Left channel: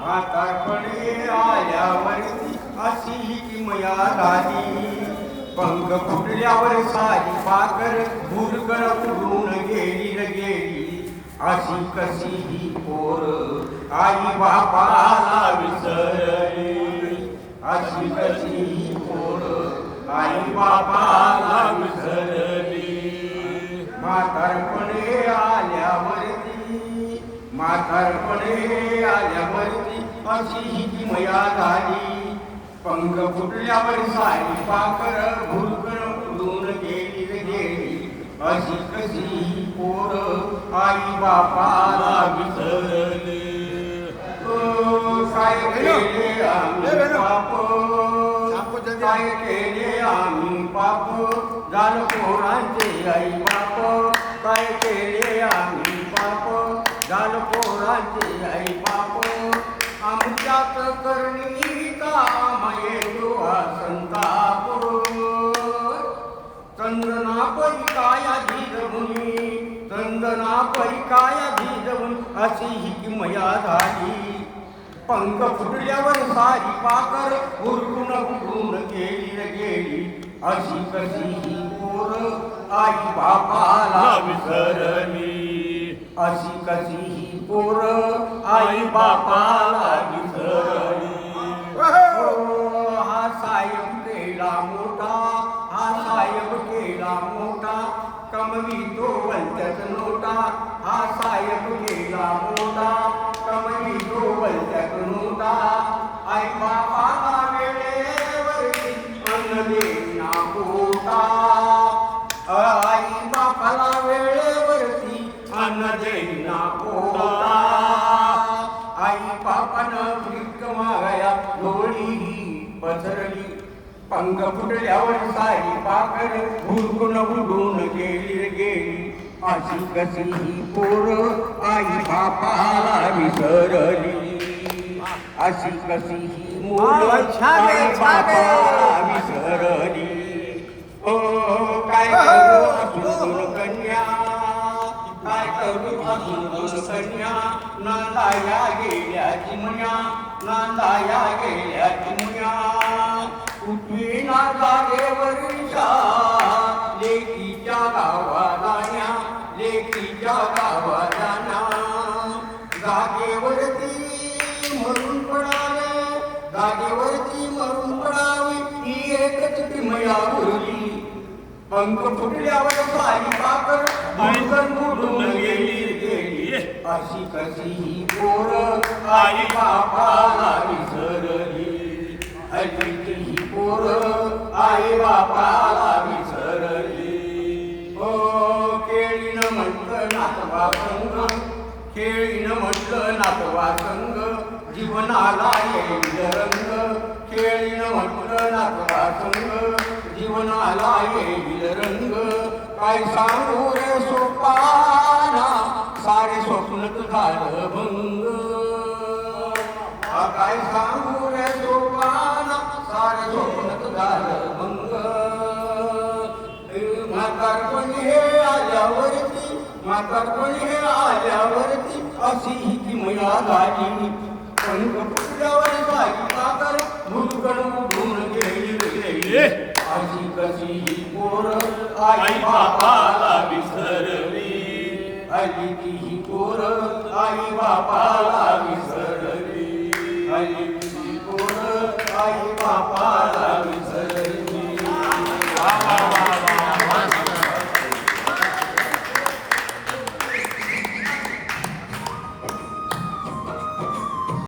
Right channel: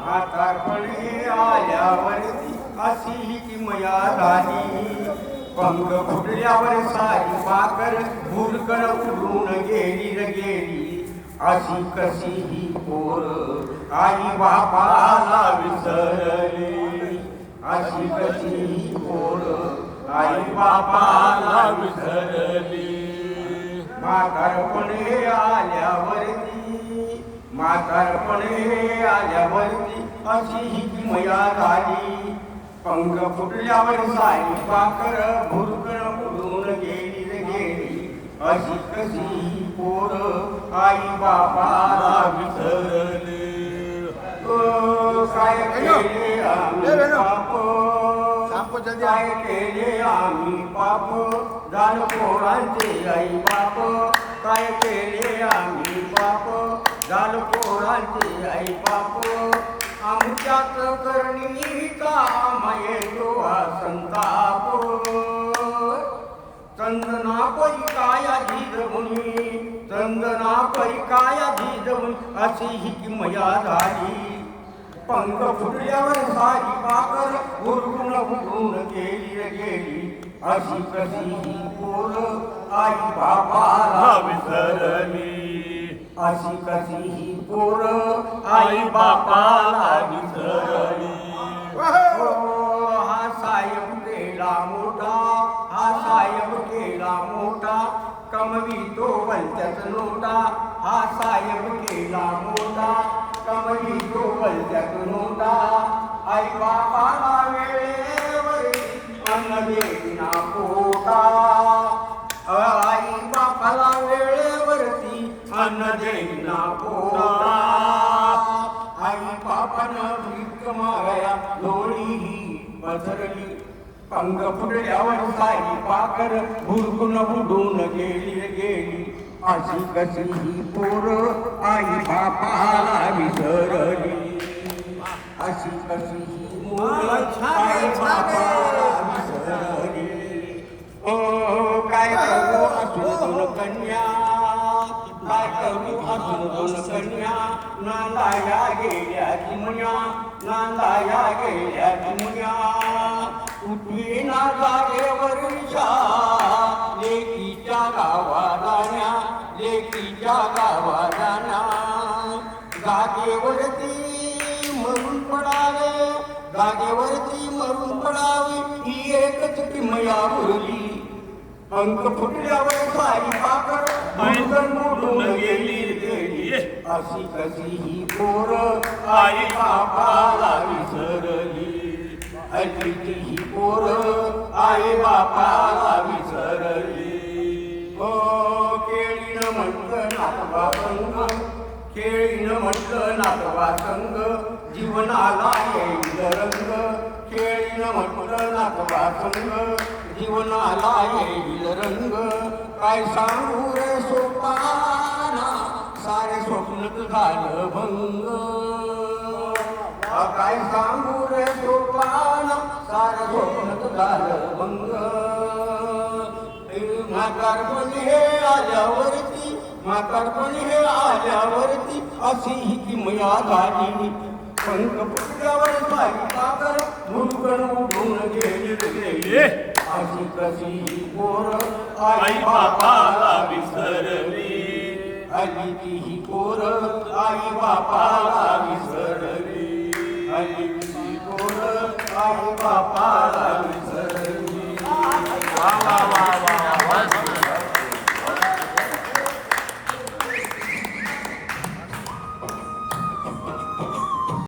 म्हातारपणी आल्यावरती अशी ही किमया झाली. पंख फुटल्यावर सारी पाकर भुरकण उडून गेली रे गेली. अशी कशी ही पोर आई बापाला विसरली. अशी कशी ही पोर आई बापाला विसरली. म्हातारपणे आल्यावरती अशी ही किमया झाली. पंख फुटल्यावर सारी पाखर भुरकण उडून गेली रे गेली. अशी कशी ही पोर आई बापाला विसरली. काय केले आम्ही पाप, काय केले आम्ही पाप, झालं पोरांचे आई बाप. काय केले आम्ही पाप, झालं पोरांचे आई बाप. आमच्यात करणी काम येतो संताप. चंदना परी काया झिजवून, चंदना परी काया झिजवून अशी ही किमया झाली. पंख फुटल्यावर सारी पाकर उरकून उडून गेली रे गेली. अशी कशी ही पोर आई बापाला विसरली. अशी कशी ही पोर आई बापाला विसरली. हा साहेब केला मोठा, हा साहेब केला मोठा, कमवितो वलत्यात नोटा. हा साहेब केला मोठा, कमवितो वलत्यात नोटा. आई बापाला वेळेवरती अन्न देईना पोटा. आई बापाला वेळेवरती अन्न देईना पोटा. आई बापानं भीक मागया डोळी पसरली. पंख फुटल्यावर सारी पाकर भुरकून उडून गेली रे गेली. अशी कशी ही पोर आई बापाला विसरली. अशी कशी ही मुलं आई बापाला विसरली. ओ काय करू असून दोन कन्या, काय करू असून दोन कन्या. नांदाया गेल्या चिमण्या, नांदाया गेल्या चिमण्या. उठवी ना जागेवरच्या लेकीच्या गावाला, लेकीच्या गावाला. जागेवरती मरून पडावे, जागेवरती मरून पडावे ही एकच किमया उरली. पंख फुटल्यावर सारी पाकर भुरकण उडून गेली गेली. अशी कशी ही पोर आई बापाला विसरली. अशी ही पोर आई बापाला विसरली. केळीनं म्हटलं नातवा संग, केळीनं म्हटलं नातवा संग, जीवनाला येईल रंग. केळीनं म्हटलं नातवा संग, जीवनाला येईल रंग. काय सांगू रे सोपाना, सारे स्वप्नच झालं भंग. काय सांगू रे सोपाना, सारे स्वप्नच झालं भंग. म्हातारपणी हे आल्यावरती, म्हातारपणी हे आल्यावरती अशी ही किमया झाली. पंख फुटल्यावर सारी पाकर भुरकण उडून गेली गेली. अशी कशी ही पोर आई बापाला विसरली. अशी ही पोर आई बापाला विसरली. अशी ही पोर आई बापाला विसरली.